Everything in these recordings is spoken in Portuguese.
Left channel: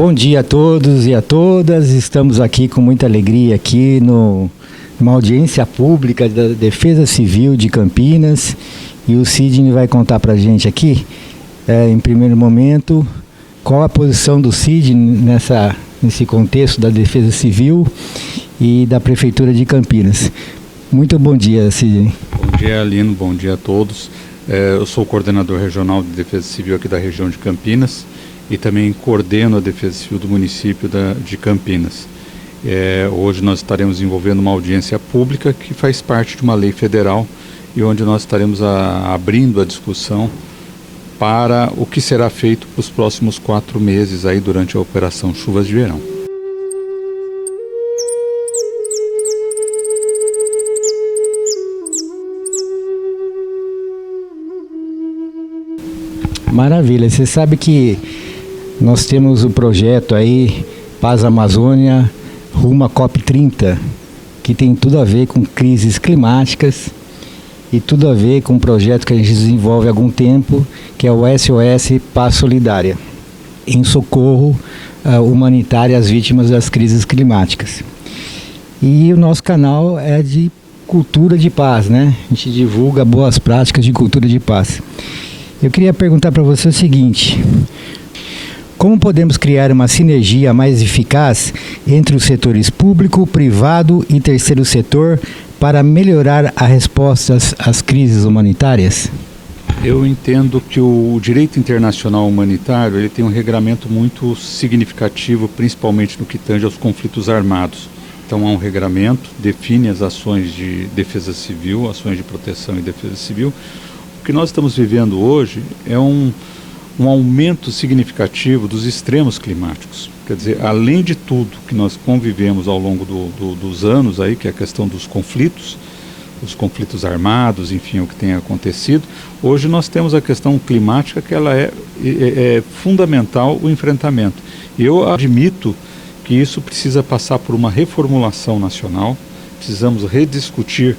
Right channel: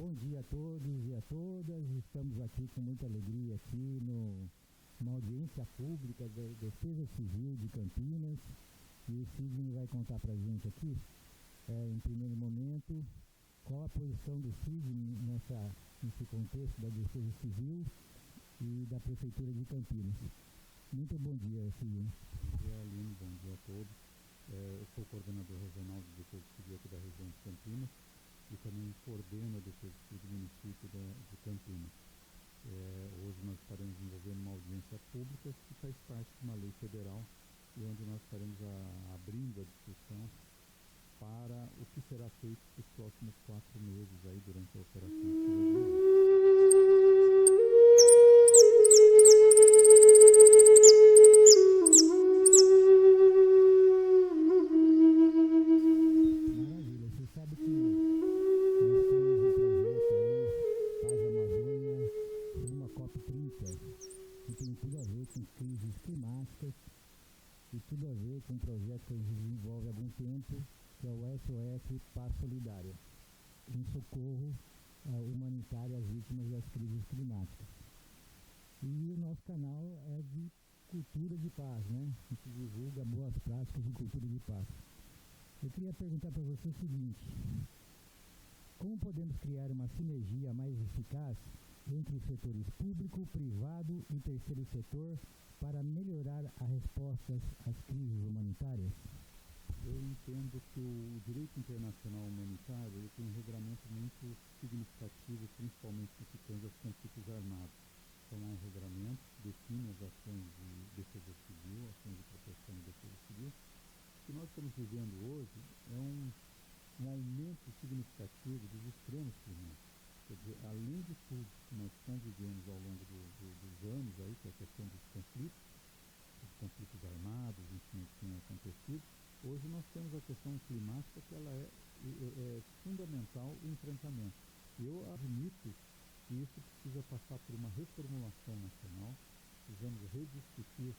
Bom dia a todos e a todas. Estamos aqui com muita alegria aqui numa audiência pública da Defesa Civil de Campinas, e o Sidney vai contar para a gente aqui, em primeiro momento, qual a posição do Sidney nesse contexto da Defesa Civil e da Prefeitura de Campinas. Muito bom dia, Sidney. Bom dia, Alino. Bom dia a todos. Eu sou o coordenador regional de Defesa Civil aqui da região de Campinas e também coordeno a Defesa Civil do município de Campinas. Hoje nós estaremos envolvendo uma audiência pública que faz parte de uma lei federal e onde nós estaremos abrindo a discussão para o que será feito para os próximos 4 meses aí durante a Operação Chuvas de Verão. Maravilha. Você sabe que nós temos o projeto aí, Paz Amazônia, rumo à COP30, que tem tudo a ver com crises climáticas e tudo a ver com um projeto que a gente desenvolve há algum tempo, que é o SOS Paz Solidária, em socorro humanitário às vítimas das crises climáticas. E o nosso canal é de cultura de paz, né? A gente divulga boas práticas de cultura de paz. Eu queria perguntar para você o seguinte: como podemos criar uma sinergia mais eficaz entre os setores público, privado e terceiro setor para melhorar a resposta às crises humanitárias? Eu entendo que o direito internacional humanitário ele tem um regramento muito significativo, principalmente no que tange aos conflitos armados. Então há um regramento, define as ações de defesa civil, ações de proteção e defesa civil. O que nós estamos vivendo hoje é um aumento significativo dos extremos climáticos. Quer dizer, além de tudo que nós convivemos ao longo dos anos, aí, que é a questão dos conflitos, os conflitos armados, enfim, o que tem acontecido, hoje nós temos a questão climática, que ela é fundamental o enfrentamento. E eu admito que isso precisa passar por uma reformulação nacional, precisamos rediscutir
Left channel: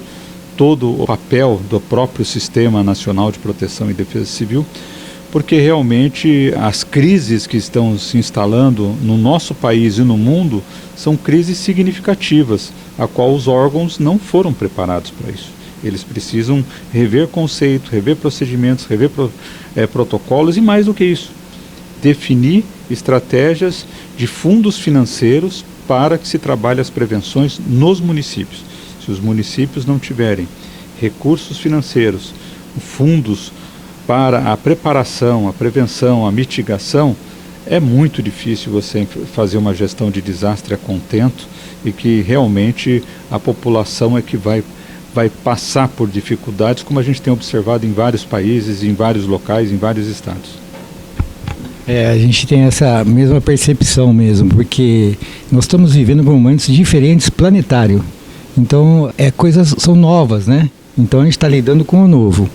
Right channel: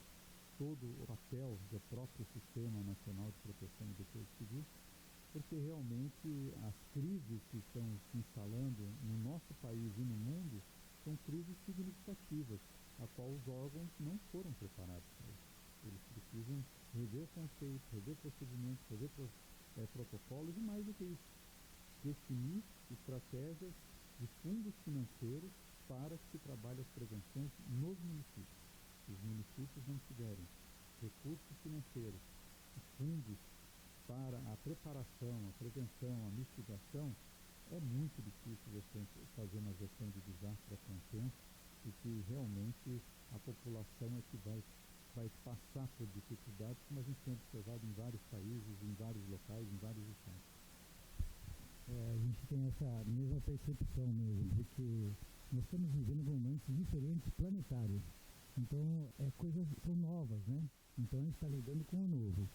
todo o papel do próprio Sistema Nacional de Proteção e Defesa Civil, porque realmente as crises que estão se instalando no nosso país e no mundo são crises significativas, a qual os órgãos não foram preparados para isso. Eles precisam rever conceitos, rever procedimentos, rever protocolos e, mais do que isso, definir estratégias de fundos financeiros para que se trabalhe as prevenções nos municípios. Se os municípios não tiverem recursos financeiros, fundos para a preparação, a prevenção, a mitigação, é muito difícil você fazer uma gestão de desastre a contento e que realmente a população é que vai passar por dificuldades, como a gente tem observado em vários países, em vários locais, em vários estados. A gente tem essa mesma percepção mesmo, porque nós estamos vivendo momentos diferentes planetário. Então, coisas são novas, né? Então, a gente está lidando com o novo.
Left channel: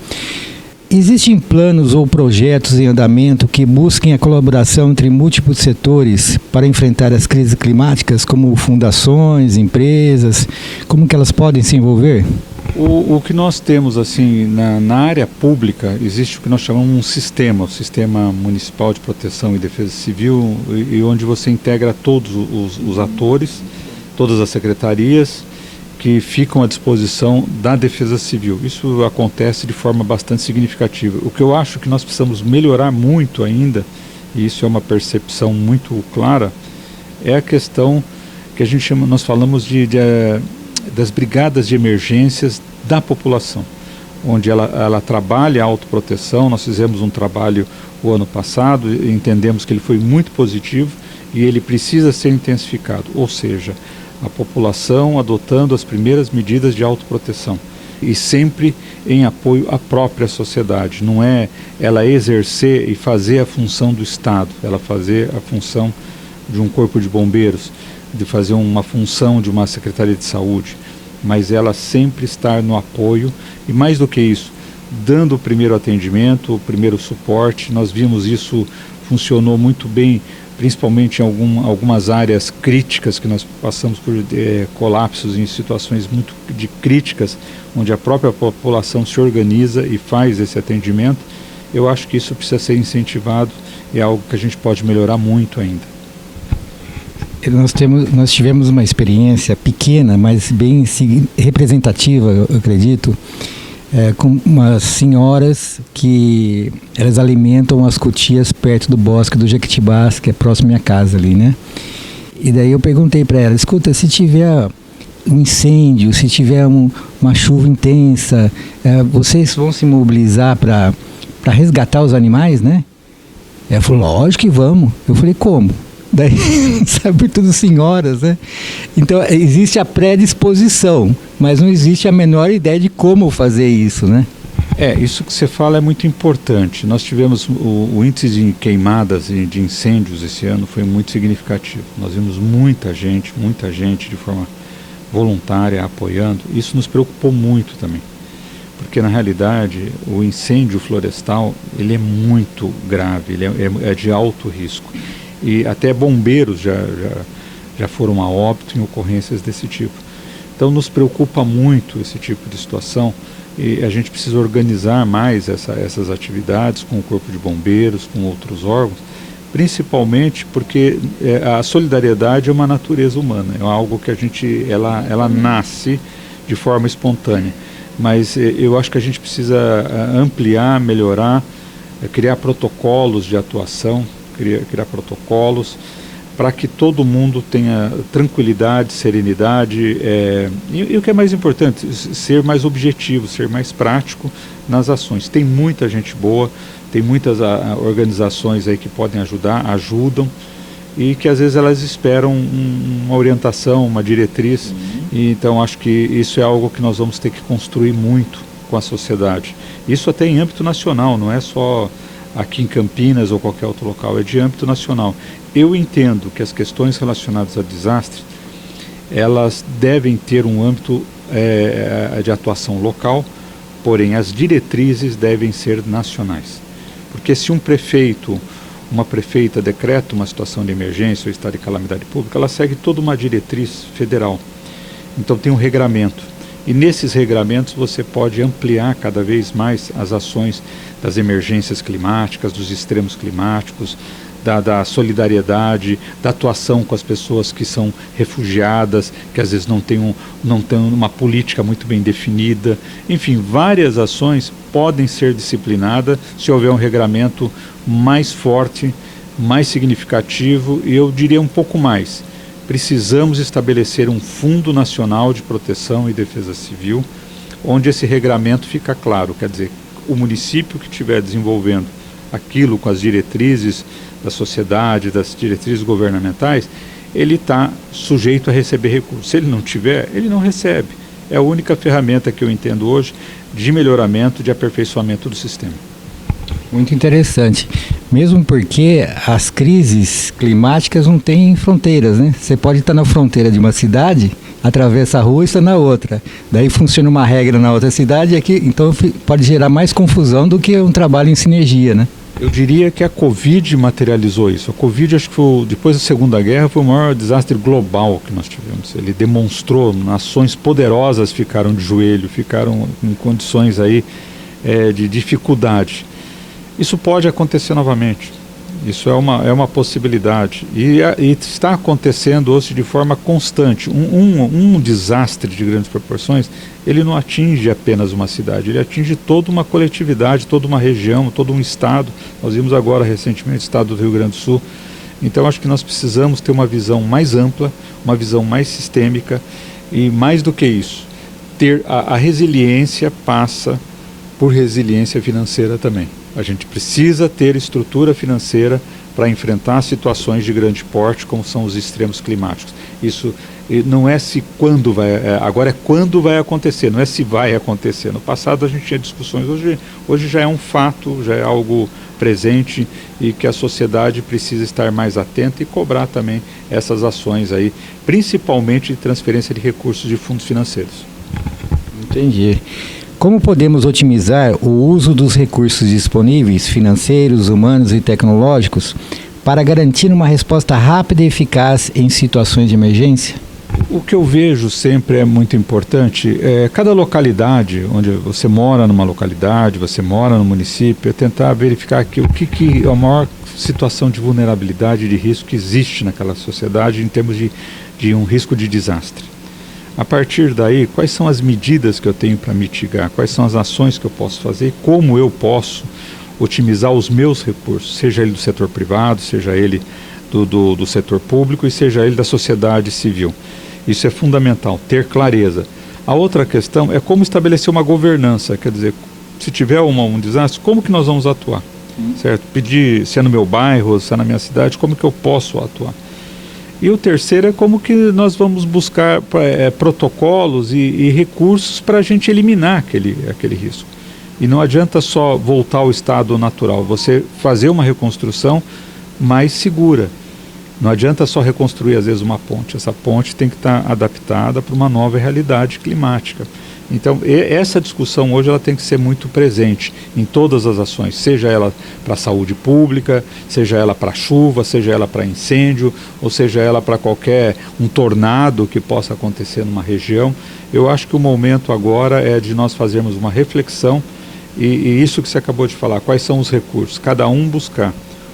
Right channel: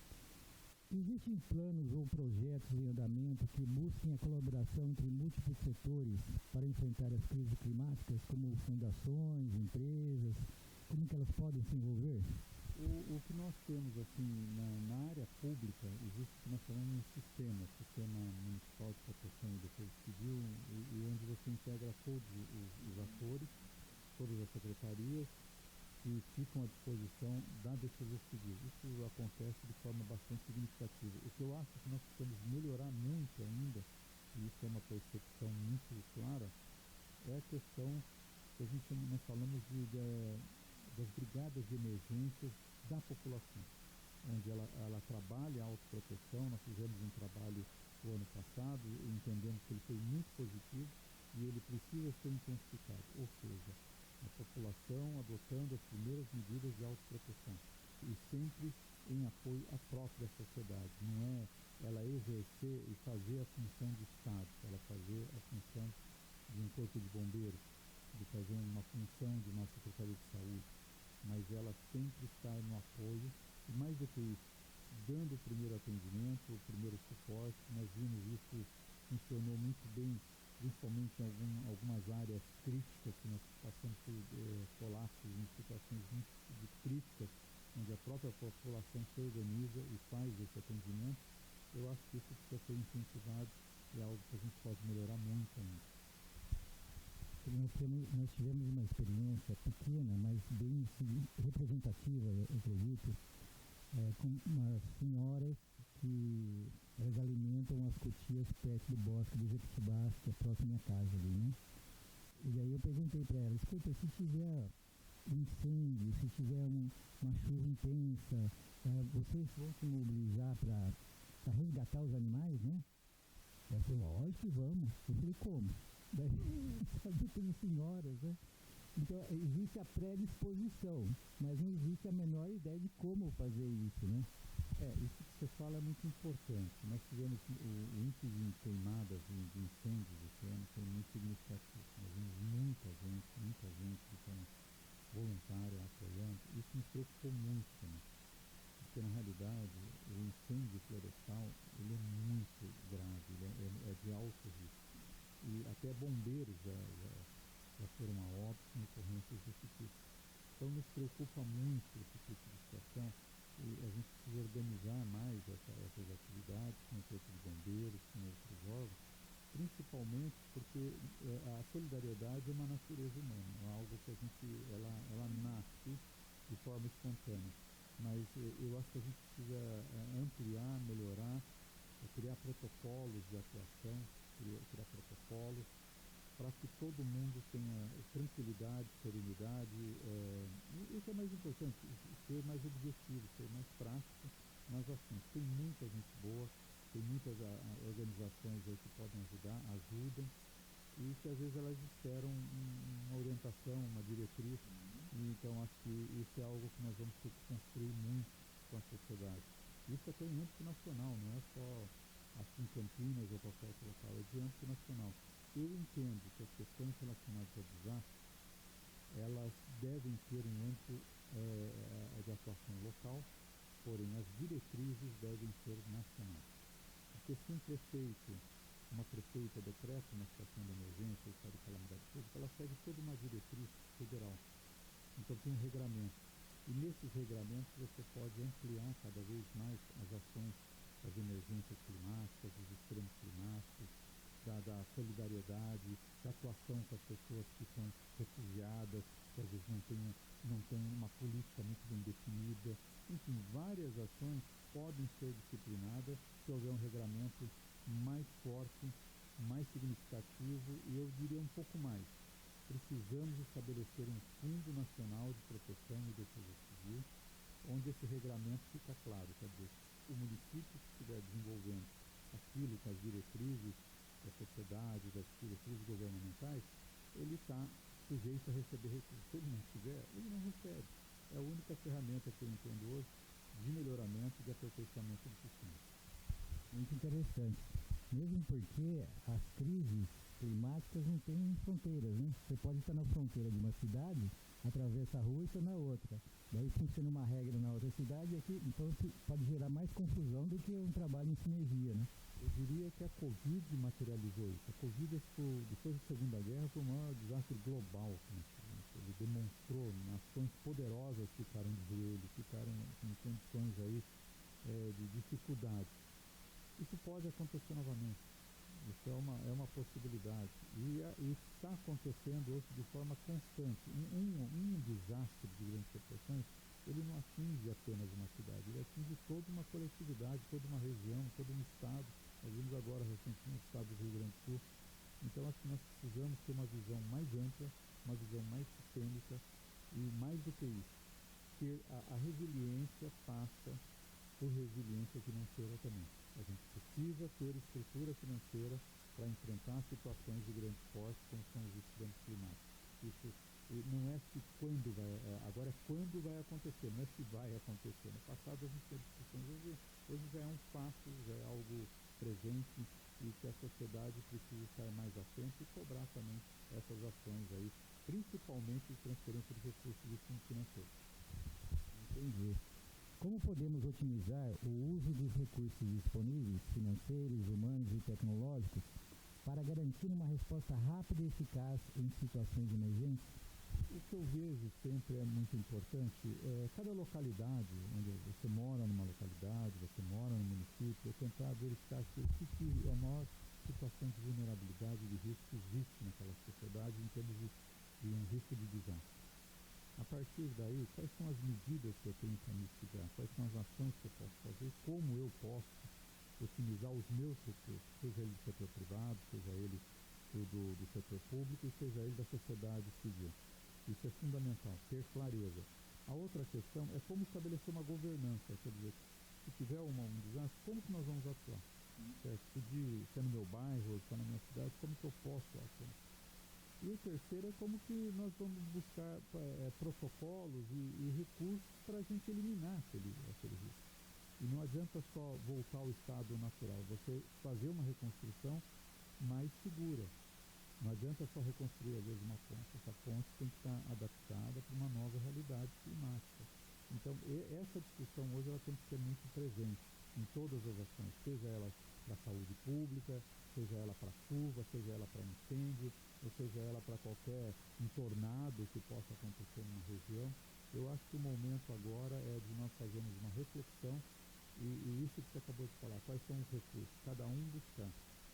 Existem planos ou projetos em andamento que busquem a colaboração entre múltiplos setores para enfrentar as crises climáticas, como fundações, empresas? Como que elas podem se envolver? O que nós temos assim na área pública, existe o que nós chamamos de um sistema, o Sistema Municipal de Proteção e Defesa Civil, e onde você integra todos os atores, todas as secretarias que ficam à disposição da Defesa Civil. Isso acontece de forma bastante significativa. O que eu acho que nós precisamos melhorar muito ainda, e isso é uma percepção muito clara, é a questão que a gente chama, nós falamos das brigadas de emergências da população, onde ela trabalha a autoproteção. Nós fizemos um trabalho o ano passado, e entendemos que ele foi muito positivo e ele precisa ser intensificado, ou seja, a população adotando as primeiras medidas de autoproteção e sempre em apoio à própria sociedade. Não é ela exercer e fazer a função do Estado, ela fazer a função de um corpo de bombeiros, de fazer uma função de uma secretaria de saúde, mas ela sempre estar no apoio e, mais do que isso, dando o primeiro atendimento, o primeiro suporte. Nós vimos isso funcionou muito bem, principalmente em algumas áreas críticas que nós passamos por colapsos em situações muito críticas, onde a própria população se organiza e faz esse atendimento. Eu acho que isso precisa ser incentivado, é algo que a gente pode melhorar muito ainda. Nós tivemos uma experiência pequena, mas bem representativa, eu acredito, com umas senhoras que elas alimentam as cutias perto do bosque do Jequitibás, que é próximo à minha casa ali, né? E daí eu perguntei para ela, escuta, se tiver um incêndio, se tiver uma chuva intensa, vocês vão se mobilizar para resgatar os animais, né? Ela falou, lógico que vamos. Eu falei, como? Daí, sabe, tudo senhoras, né? Então, existe a predisposição, mas não existe a menor ideia de como fazer isso, né? Isso que você fala é muito importante. Nós tivemos o índice de queimadas e de incêndios esse ano foi muito significativo. Nós vimos muita gente de forma voluntária apoiando. Isso nos preocupou muito também, porque na realidade o incêndio florestal ele é muito grave, ele é de alto risco. E até bombeiros já foram a óbito em ocorrências desse tipo. Então nos preocupa muito esse tipo de situação e a gente precisa organizar mais essas atividades com o Corpo de Bombeiros, com outros órgãos, principalmente porque a solidariedade é uma natureza humana, é algo que ela nasce de forma espontânea. Mas eu acho que a gente precisa ampliar, melhorar, criar protocolos de atuação, criar protocolos para que todo mundo tenha tranquilidade, serenidade e o que é mais importante, ser mais objetivo, ser mais prático nas ações. Tem muita gente boa, tem muitas organizações aí que podem ajudam e que às vezes elas esperam uma orientação, uma diretriz. E, então acho que isso é algo que nós vamos ter que construir muito com a sociedade. Isso até em âmbito nacional, não é só aqui em Campinas ou qualquer outro local, é de âmbito nacional. Eu entendo que as questões relacionadas a desastre, elas devem ter um âmbito de atuação local, porém as diretrizes devem ser nacionais. Porque se um prefeito, uma prefeita decreta uma situação de emergência ou estado de calamidade pública, ela segue toda uma diretriz federal. Então tem um regramento. E nesses regramentos você pode ampliar cada vez mais as ações das emergências climáticas, dos extremos climáticos, da solidariedade, da atuação com as pessoas que são refugiadas, que às vezes não têm uma política muito bem definida. Enfim, várias ações podem ser disciplinadas se houver um regramento mais forte, mais significativo e eu diria um pouco mais. Precisamos estabelecer um Fundo Nacional de Proteção e Defesa Civil, onde esse regramento fica claro, quer dizer, o município que estiver desenvolvendo aquilo com as diretrizes da sociedade, das diretrizes governamentais, ele está sujeito a receber recursos. Se ele não tiver, ele não recebe. É a única ferramenta que eu entendo hoje de melhoramento, de aperfeiçoamento do sistema. Muito interessante. Mesmo porque as crises climáticas não têm fronteiras, né? Você pode estar na fronteira de uma cidade, atravessa a rua e está na outra. Daí funciona uma regra na outra cidade, aqui, então pode gerar mais confusão do que um trabalho em sinergia, né? Eu diria que a Covid materializou isso. A Covid, acho que depois da Segunda Guerra, foi o maior desastre global que nós tivemos. Ele demonstrou, nações poderosas ficaram de joelho, ficaram em condições aí, de dificuldade. Isso pode acontecer novamente. Isso é uma possibilidade. E está acontecendo hoje de forma constante. Um desastre de grandes proporções, ele não atinge apenas uma cidade, ele atinge toda uma coletividade, toda uma região, todo um estado. Nós vimos agora recentemente o estado do Rio Grande do Sul. Então acho que nós precisamos ter uma visão mais ampla, uma visão mais sistêmica e mais do que isso, ter a resiliência passa por resiliência financeira também. A gente precisa ter estrutura financeira para enfrentar situações de grande porte, como são os extremos climáticos. Isso não é se quando vai, agora é quando vai acontecer, não é se vai acontecer. No passado a gente tinha discussões, hoje já é um fato, já é algo presente e que a sociedade precisa estar mais atenta e cobrar também essas ações aí, principalmente de transferência de recursos de fundos financeiros. Entendi. Como podemos otimizar o uso dos recursos disponíveis, financeiros, humanos e tecnológicos, para garantir uma resposta rápida e eficaz em situações de emergência? O que eu vejo sempre é muito importante, cada localidade, onde você mora numa localidade, você mora no município, é tentar verificar o que é a maior situação de vulnerabilidade, de risco que existe naquela sociedade em termos de um risco de desastre. A partir daí, quais são as medidas que eu tenho para mitigar? Quais são as ações que eu posso fazer? Como eu posso otimizar os meus recursos, seja ele do setor privado, seja ele do setor público e seja ele da sociedade civil. Isso é fundamental, ter clareza. A outra questão é como estabelecer uma governança, quer dizer, se tiver um desastre, como que nós vamos atuar? Certo? Pedir se é no meu bairro, se é na minha cidade, como que eu posso atuar? E o terceiro é como que nós vamos buscar protocolos e recursos para a gente eliminar aquele risco. E não adianta só voltar ao estado natural, você fazer uma reconstrução mais segura. Não adianta só reconstruir, às vezes, uma ponte. Essa ponte tem que estar adaptada para uma nova realidade climática. Então, essa discussão hoje ela tem que ser muito presente em todas as ações, seja ela para a saúde pública, seja ela para chuva, seja ela para incêndio, ou seja ela para um tornado que possa acontecer numa região. Eu acho que o momento agora é de nós fazermos uma reflexão e isso que você acabou de falar, quais são os recursos, cada um buscar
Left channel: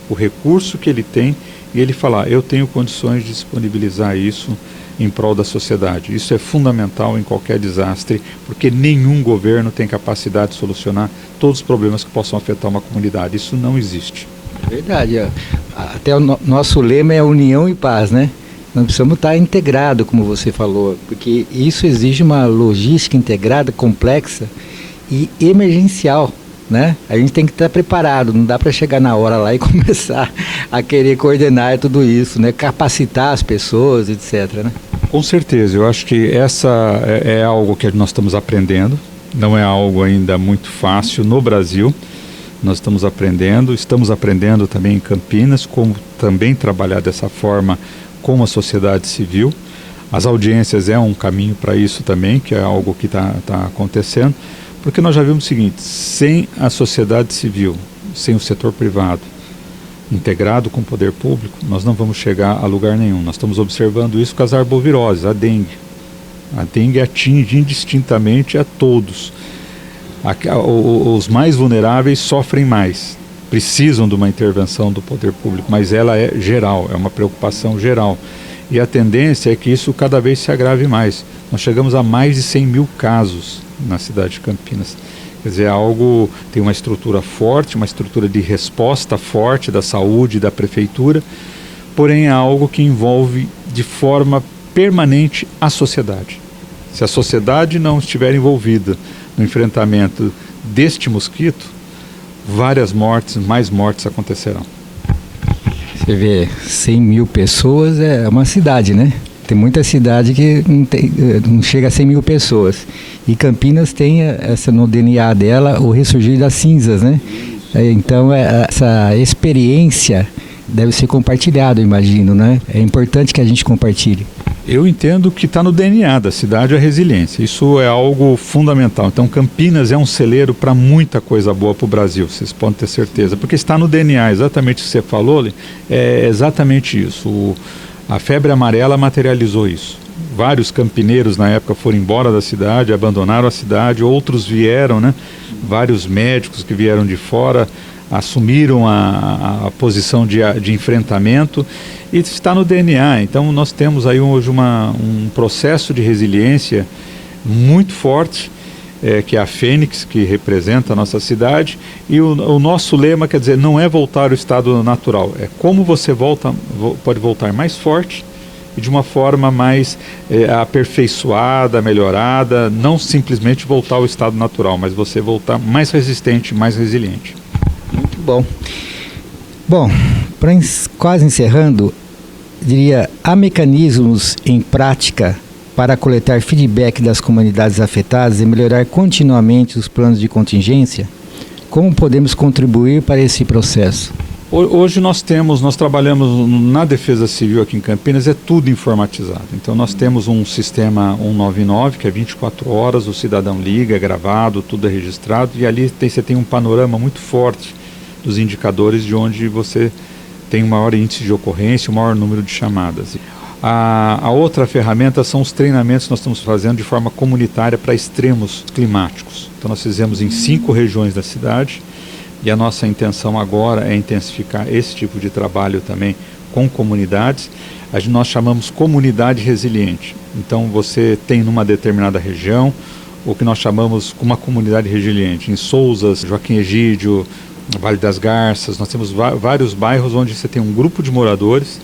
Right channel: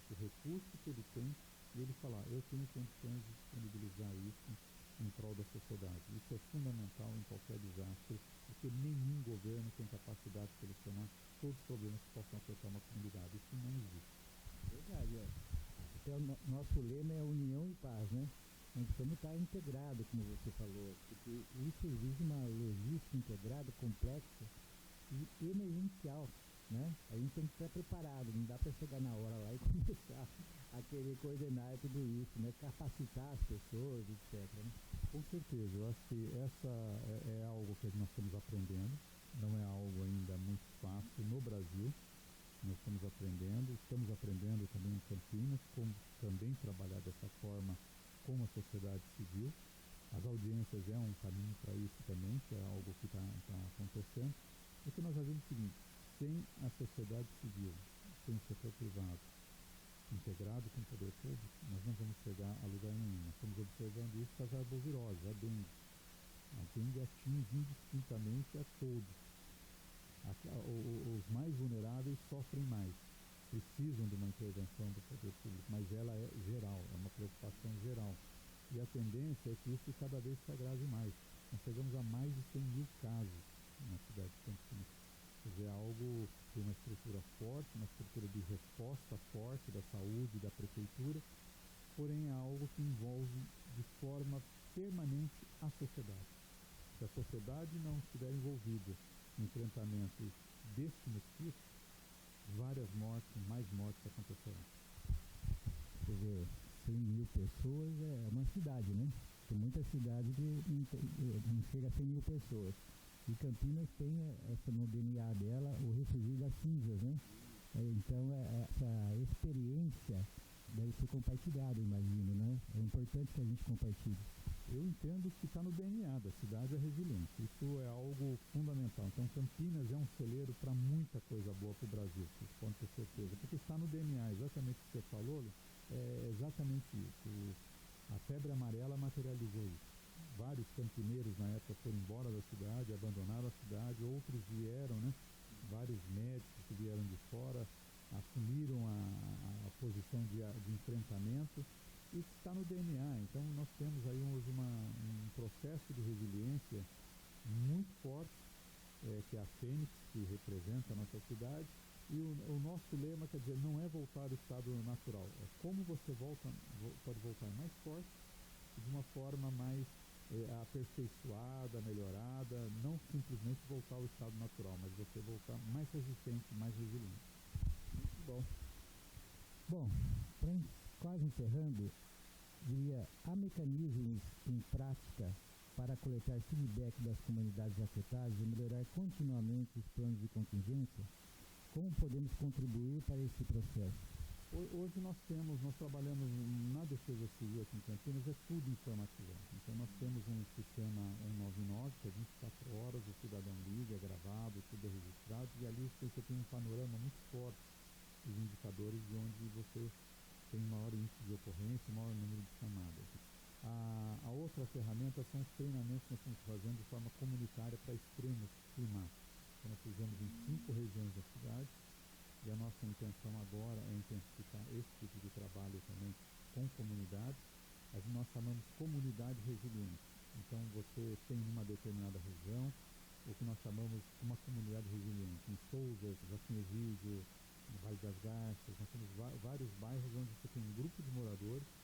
o recurso que ele tem e ele falar, eu tenho condições de disponibilizar isso em prol da sociedade. Isso é fundamental em qualquer desastre, porque nenhum governo tem capacidade de solucionar todos os problemas que possam afetar uma comunidade. Isso não existe. Verdade. Até o nosso lema é união e paz, né? Nós precisamos estar integrados, como você falou, porque isso exige uma logística integrada, complexa e emergencial, né? A gente tem que estar preparado, não dá para chegar na hora lá e começar a querer coordenar tudo isso, né? Capacitar as pessoas, etc., né? Com certeza, eu acho que essa é algo que nós estamos aprendendo, não é algo ainda muito fácil no Brasil, nós estamos aprendendo também em Campinas, como também trabalhar dessa forma com a sociedade civil. As audiências é um caminho para isso também, que é algo que está acontecendo, porque nós já vimos o seguinte, sem a sociedade civil, sem o setor privado, integrado com o poder público, nós não vamos chegar a lugar nenhum. Nós estamos observando isso com as arboviroses, a dengue. A dengue atinge indistintamente a todos. Os mais vulneráveis sofrem mais, precisam de uma intervenção do poder público, mas ela é geral, é uma preocupação geral. E a tendência é que isso cada vez se agrave mais. Nós chegamos a mais de 100 mil casos na cidade de Campinas. Quer dizer, tem uma estrutura forte, uma estrutura de resposta forte da saúde, da prefeitura, porém é algo que envolve de forma permanente a sociedade. Se a sociedade não estiver envolvida no enfrentamento deste mosquito, mais mortes acontecerão. Você vê, 100 mil pessoas é uma cidade, né? Tem muita cidade que não chega a 100 mil pessoas. E Campinas tem no DNA dela o ressurgir das cinzas, né? Então essa experiência deve ser compartilhada, eu imagino, né? É importante que a gente compartilhe. Eu entendo que está no DNA da cidade a resiliência. Isso é algo fundamental. Então Campinas é um celeiro para muita coisa boa para o Brasil, vocês podem ter certeza. Porque está no DNA, exatamente o que você falou, é exatamente isso. A febre amarela materializou isso. Vários campineiros na época foram embora da cidade, abandonaram a cidade, outros vieram, né? Vários médicos que vieram de fora assumiram a posição de enfrentamento e está no DNA. Então nós temos aí hoje um processo de resiliência muito forte, que é a Fênix, que representa a nossa cidade, e o nosso lema, quer dizer, não é voltar ao estado natural, é como você pode voltar mais forte e de uma forma mais aperfeiçoada, melhorada, não simplesmente voltar ao estado natural, mas você voltar mais resistente, mais resiliente. Muito bom. Bom, quase encerrando, diria, há mecanismos em prática para coletar feedback das comunidades afetadas e melhorar continuamente os planos de contingência? Como podemos contribuir para esse processo? Hoje nós trabalhamos na Defesa Civil aqui em Campinas, é tudo informatizado. Então nós temos um sistema 199, que é 24 horas, o cidadão liga, é gravado, tudo é registrado, e ali você tem um panorama muito forte dos indicadores de onde você tem um maior índice de ocorrência, um maior número de chamadas. A outra ferramenta são os treinamentos que nós estamos fazendo de forma comunitária para extremos climáticos. Então nós fizemos em 5 regiões da cidade, E a nossa intenção agora é intensificar esse tipo de trabalho também com comunidades. Nós chamamos comunidade resiliente. Então você tem numa determinada região o que nós chamamos uma comunidade resiliente. Em Sousas, Joaquim Egídio, Vale das Garças, nós temos vários bairros onde você tem um grupo de moradores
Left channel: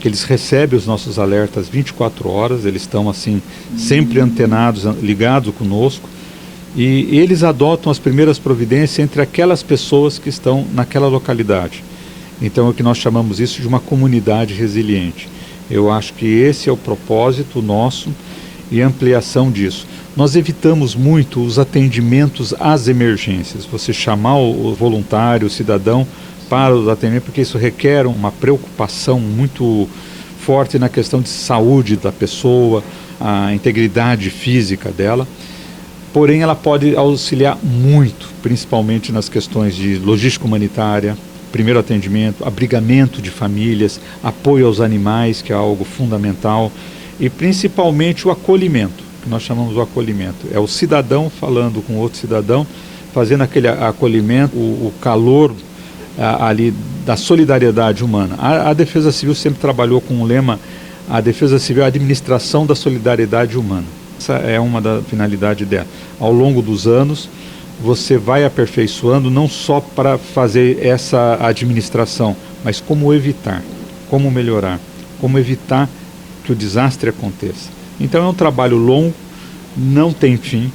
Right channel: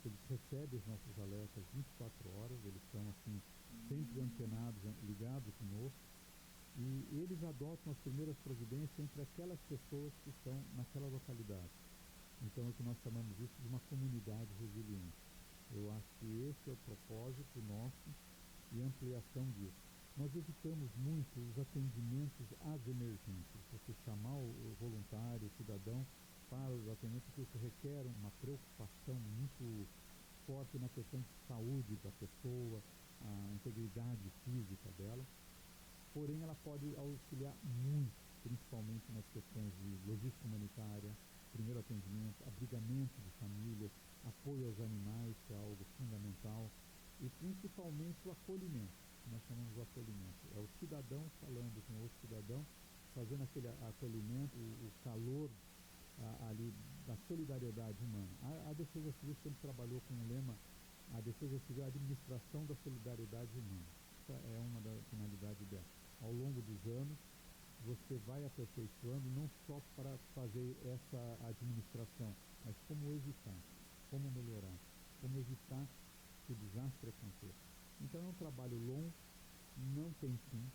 que eles recebem os nossos alertas 24 horas, eles estão assim sempre antenados, ligados conosco, e eles adotam as primeiras providências entre aquelas pessoas que estão naquela localidade. Então é o que nós chamamos isso de uma comunidade resiliente. Eu acho que esse é o propósito nosso e a ampliação disso. Nós evitamos muito os atendimentos às emergências, você chamar o voluntário, o cidadão para os atendimentos, porque isso requer uma preocupação muito forte na questão de saúde da pessoa, a integridade física dela. Porém, ela pode auxiliar muito, principalmente nas questões de logística humanitária, primeiro atendimento, abrigamento de famílias, apoio aos animais, que é algo fundamental, e principalmente o acolhimento, que nós chamamos de acolhimento. É o cidadão falando com outro cidadão, fazendo aquele acolhimento, o calor ali da solidariedade humana. A Defesa Civil sempre trabalhou com o lema: a Defesa Civil é a administração da solidariedade humana. Essa é uma da finalidade dela. Ao longo dos anos, você vai aperfeiçoando não só para fazer essa administração, mas como evitar, como melhorar, como evitar que o desastre aconteça. Então é um trabalho longo, não tem fim,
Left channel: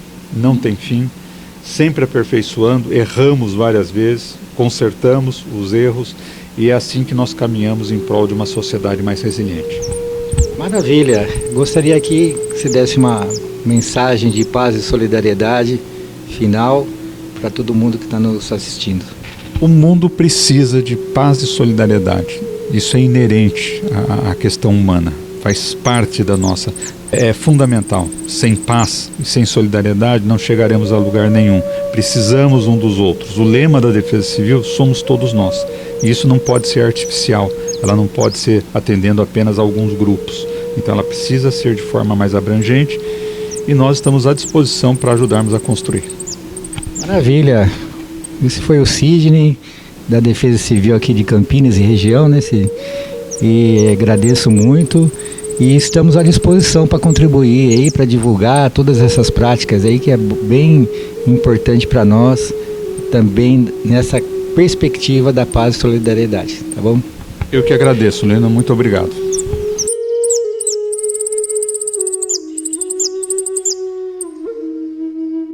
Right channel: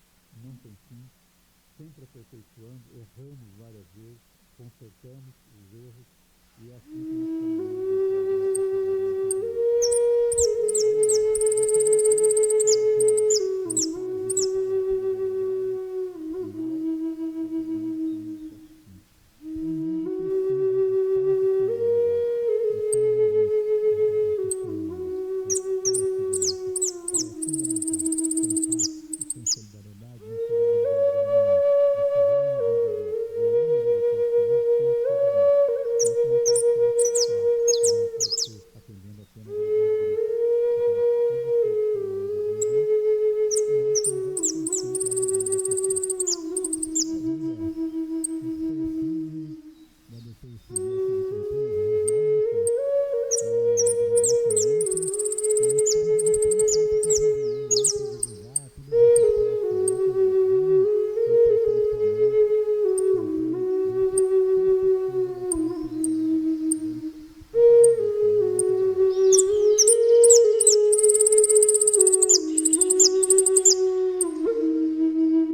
sempre aperfeiçoando, erramos várias vezes, consertamos os erros e é assim que nós caminhamos em prol de uma sociedade mais resiliente. Maravilha! Gostaria que você desse uma mensagem de paz e solidariedade final para todo mundo que está nos assistindo. O mundo precisa de paz e solidariedade. Isso é inerente à questão humana, faz parte da nossa... É fundamental. Sem paz e sem solidariedade não chegaremos a lugar nenhum. Precisamos um dos outros. O lema da Defesa Civil somos todos nós. E isso não pode ser artificial. Ela não pode ser atendendo apenas a alguns grupos. Então ela precisa ser de forma mais abrangente e nós estamos à disposição para ajudarmos a construir. Maravilha! Esse foi o Sidney, da Defesa Civil aqui de Campinas e região, né? E agradeço muito. E estamos à disposição para contribuir aí, para divulgar todas essas práticas aí, que é bem importante para nós, também nessa perspectiva da paz e solidariedade, tá bom? Eu que agradeço, Lena, muito obrigado.